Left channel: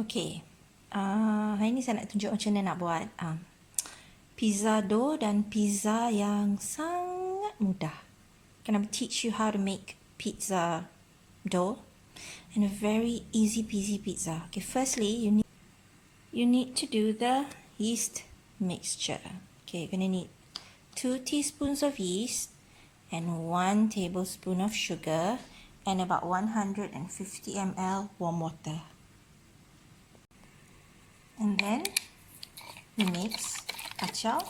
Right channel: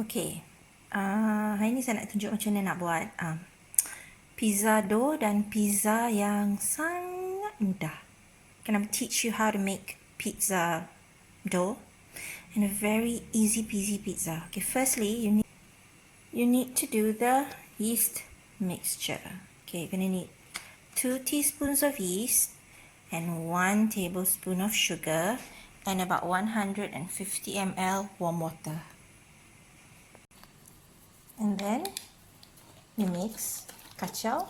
Okay, hari ni saya nak tunjuk macam mana nak buat pizza dough dan pizza yang sangat mudah. I'm going to teach you how to make pizza dough and a very easy peasy pizza. Okay, firstly you need to do the yeast mixture. Okay, you're going to need 2 teaspoons of yeast and 1 tablespoon of sugar and about 150 ml warm water. And then you mix, kacau,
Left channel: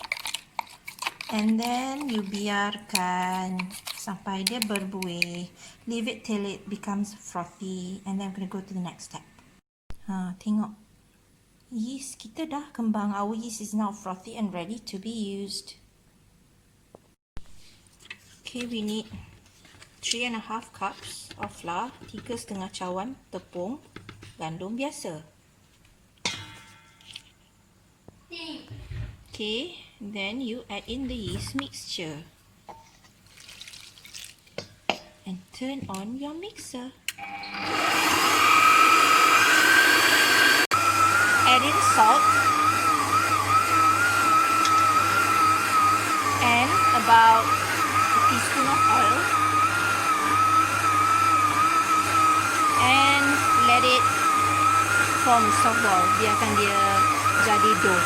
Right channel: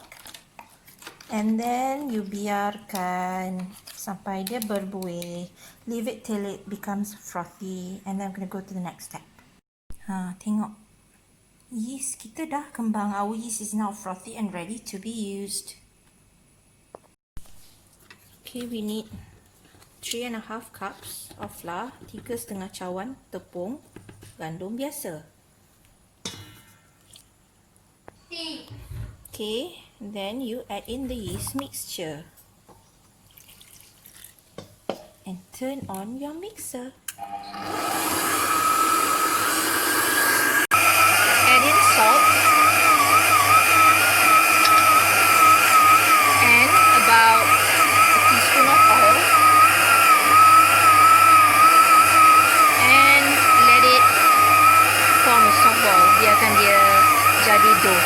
and then you biarkan sampai dia berbuih. Leave it till it becomes frothy, and then I'm going to go to the next step. Tengok, yeast kita dah kembang. Our yeast is now frothy and ready to be used. Okay, we need 3.5 cups of flour, 3,5 cawan tepung gandum biasa. Okay, then you add in the yeast mixture and turn on your mixer. Add in salt and about a teaspoon of oil and let it form a soft ball. Biarkan dia jadi dough.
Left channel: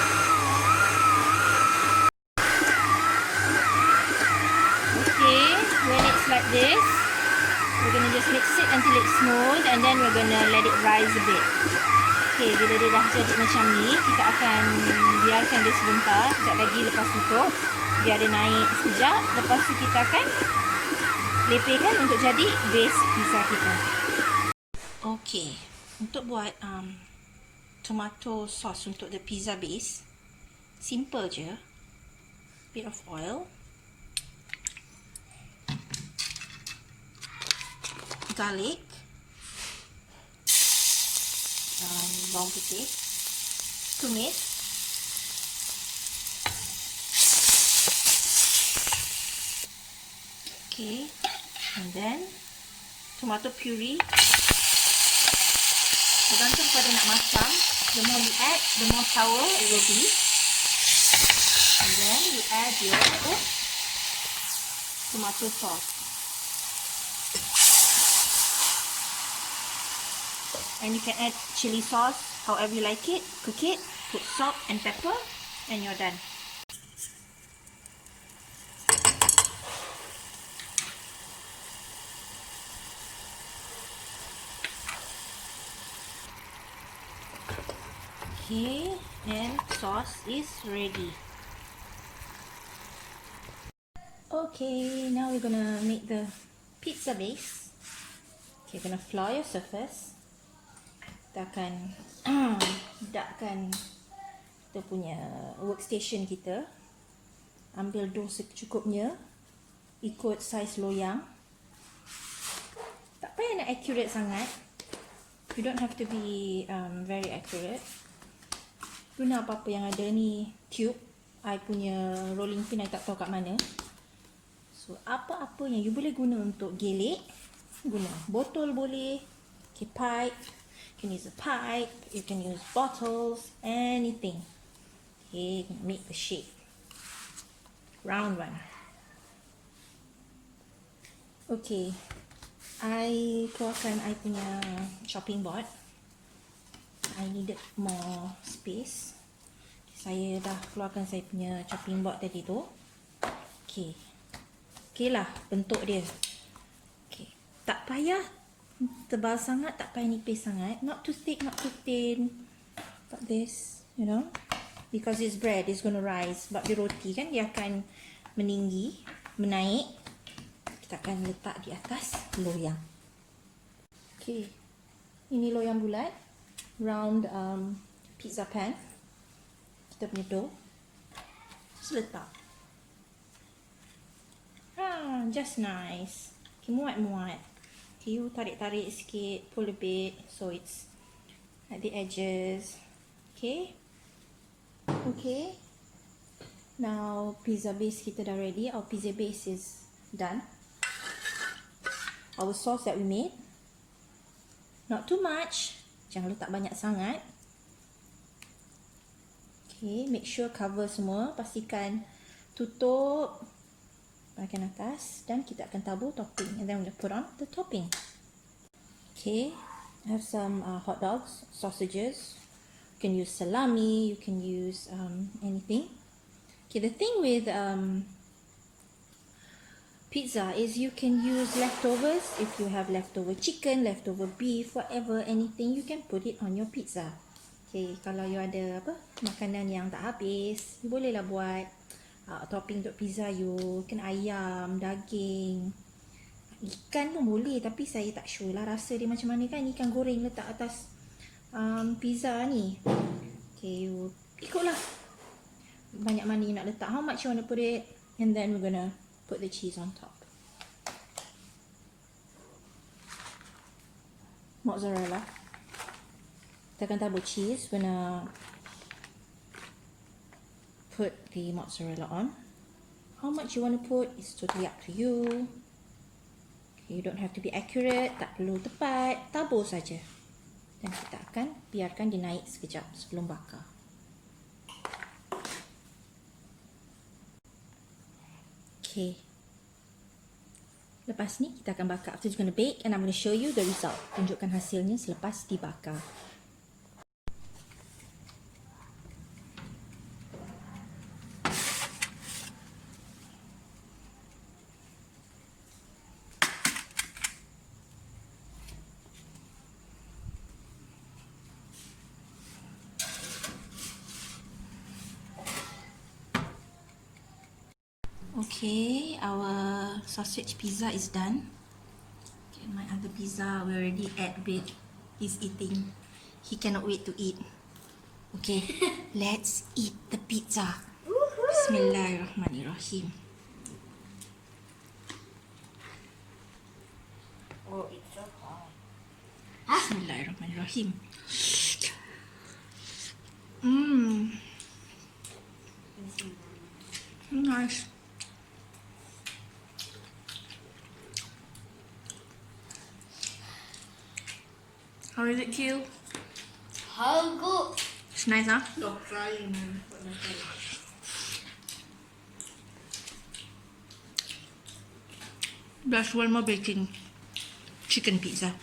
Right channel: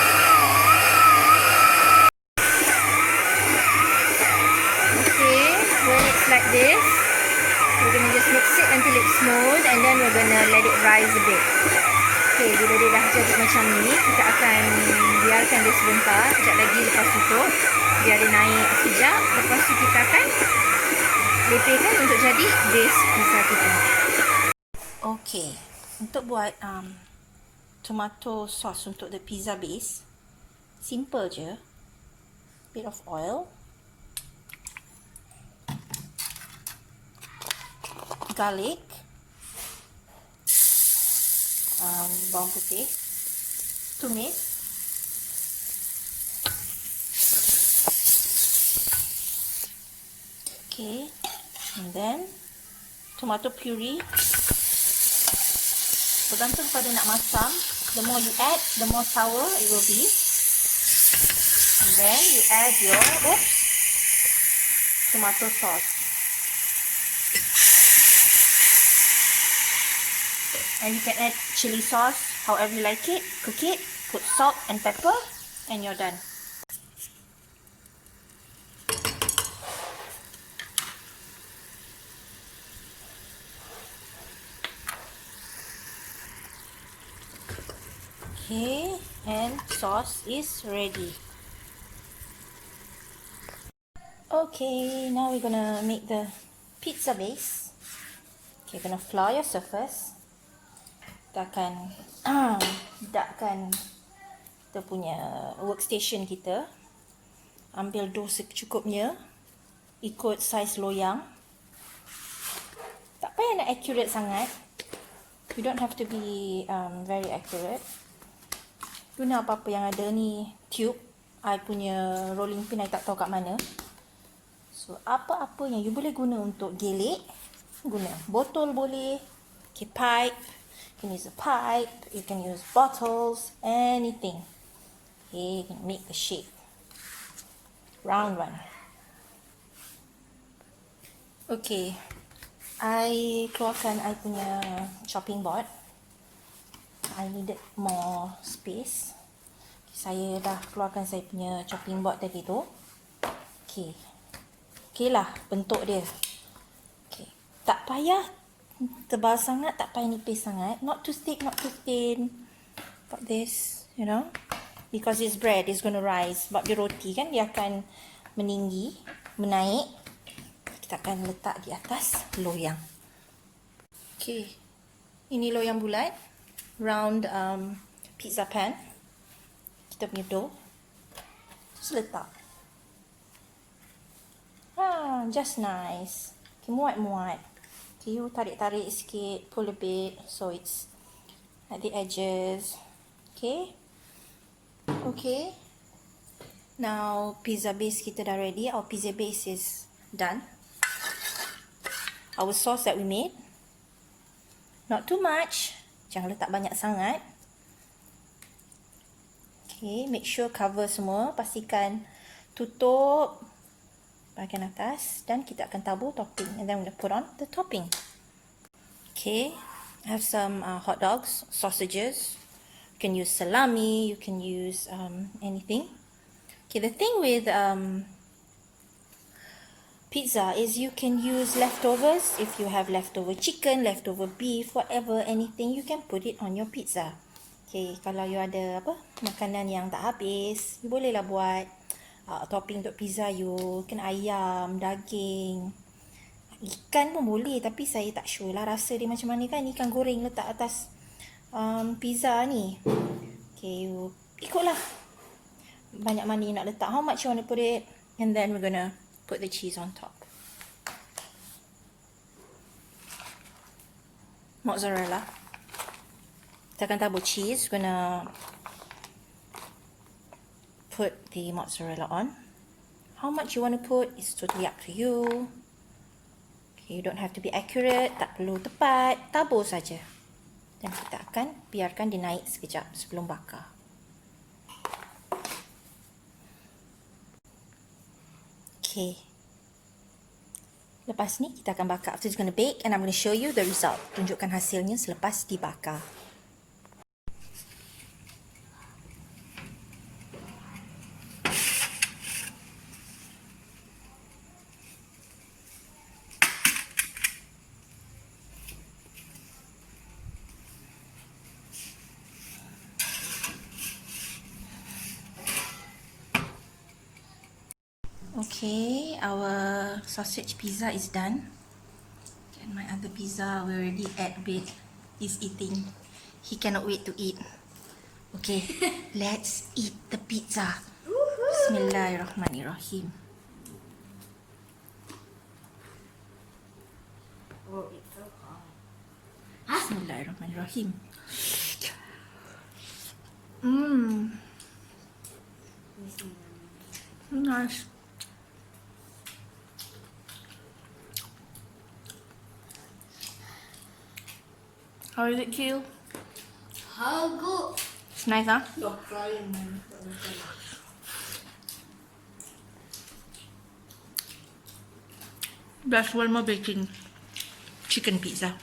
When it's like this, we're going to just mix it until it's smooth and then we're going to let it rise a bit. Okay, bila dia dah jadi macam ni, kita akan biarkan dia sebentar, sekejap lagi lepas itu, biar dia naik sekejap. Lepas tu kita akan lepaskan untuk jadi base pizza kita. Okay, untuk buat tomato sauce untuk the pizza base, simple je. Bit of oil, garlic, bawang putih, tumis, okay, and then tomato puree. Bergantung pada nak masam, the more you add, the more sour it will be. And then you add your tomato sauce. And you can add chili sauce however you like it. Cook it, put salt and pepper, and you're done. Okay, and sauce is ready. Okay, now we're gonna make the pizza base. Okay, you're gonna flour your surface. Kita akan letakkan kita punya workstation kita. Ambil dough secukupnya, ikut saiz loyang. Tak payah nak accurate sangat. You don't have to be very accurate. Guna apa-apa yang ada ni. Tube, I punya rolling pin I tak tahu kat mana. So apa-apa yang you boleh guna untuk gelek, guna. Botol boleh, okay, pipe. You can use a pipe, you can use bottles, anything. Okay, you can make the shape. Round one. Okay, I keluarkan I punya chopping board. I needed more space. Saya dah keluarkan saya punya chopping board tadi tu. Okay, okay lah bentuk dia. Okay, tak payah tebal sangat, tak payah nipis sangat. Not too thick, not too thin. Got this, you know. Because it's bread, it's going to rise. Sebab dia roti kan, dia akan meninggi, menaik. Kita akan letak di atas loyang. Okay, ini loyang bulat. Round pizza pan. Kita punya dough. Terus letak. Just nice. Okay, muat-muat. Okay, you tarik-tarik sikit, pull a bit, so it's at the edges. Okay. Okay. Now, pizza base kita dah ready. Our pizza base is done. Our sauce that we made, not too much. Jangan letak banyak sangat. Okay, make sure cover semua. Pastikan tutup bahagian atas dan kita akan tabur topping and then we'll put on the topping. Okay, I have some hot dogs, sausages. You can use salami, you can use anything. Okay, the thing with pizza is you can use leftovers. If you have leftover chicken, leftover beef, whatever, anything, you can put it on your pizza. Okay, kalau you ada makanan yang tak habis, you bolehlah buat topping untuk pizza you. Kan ayam, daging, ikan pun boleh, tapi saya tak sure lah rasa dia macam mana kan ikan goreng letak atas pizza ni. Okay, you ikutlah banyak mana you nak letak, how much you want to put it, and then we're gonna put the cheese on top. Mozzarella. Kita akan tabur cheese. We're gonna put the mozzarella on. How much you want to put is totally up to you. Okay, you don't have to be accurate, tak perlu tepat, tabur saja. Dan kita akan biarkan dia naik sekejap sebelum bakar. Okay. Lepas ni kita akan bakar. After it's going to bake and I'm going to show you the result. Tunjukkan hasilnya selepas dibakar. Okay, our sausage pizza is done. And my other pizza, we already ate a bit. He's eating. He cannot wait to eat. Okay, let's eat the pizza. Bismillahirrahmanirrahim. Bismillahirrahmanirrahim. Nice. How is it, Q? How good? It's nice, huh? Stop crying, man. That's one more baking chicken pizza.